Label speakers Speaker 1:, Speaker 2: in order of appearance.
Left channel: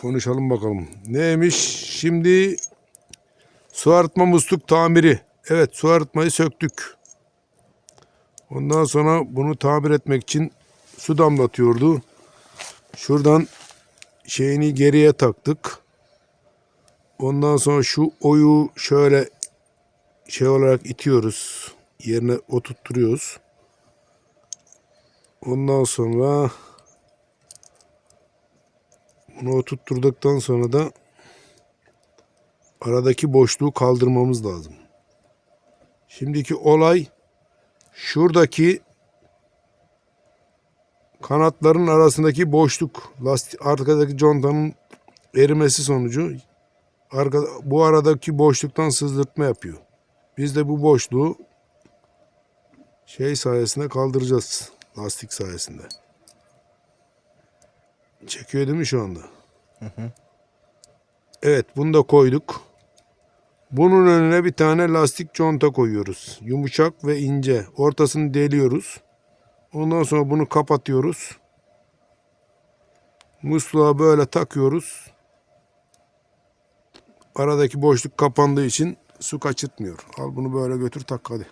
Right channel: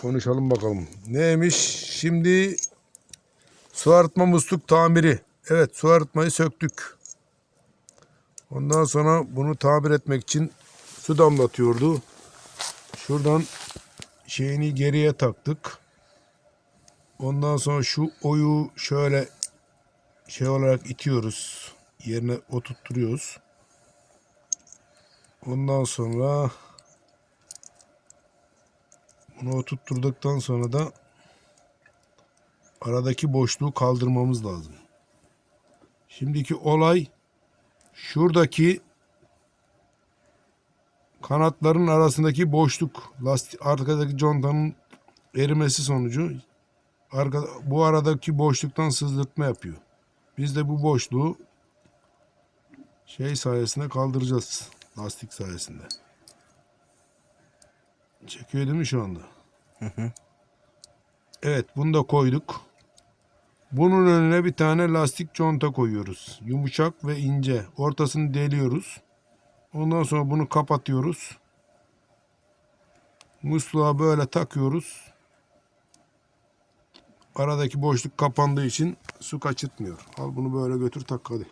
Speaker 1: konuşalım bakalım. Neymiş? Şimdi su arıtma musluk tamiri. Evet su arıtmayı söktük. Ondan sonra bunu tamir etmek için su damlatıyordu. Şuradan şeyini geriye taktık. Ondan sonra şu oyu şöyle şey olarak itiyoruz. Yerine oturtturuyoruz. Ondan sonra bunu oturtturduktan sonra da aradaki boşluğu kaldırmamız lazım. Şimdiki olay şuradaki kanatların arasındaki boşluk lastik arkadaki contanın erimesi sonucu arka, bu aradaki boşluktan sızdırtma yapıyor. Biz de bu boşluğu şey sayesinde kaldıracağız. Lastik sayesinde. Çekiyor değil mi şu anda? Evet bunu da koyduk. Bunun önüne bir tane lastik conta koyuyoruz. Yumuşak ve ince. Ortasını deliyoruz. Ondan sonra bunu kapatıyoruz. Musluğa böyle takıyoruz. Aradaki boşluk kapandığı için su kaçırtmıyor. Al bunu böyle götür tak hadi.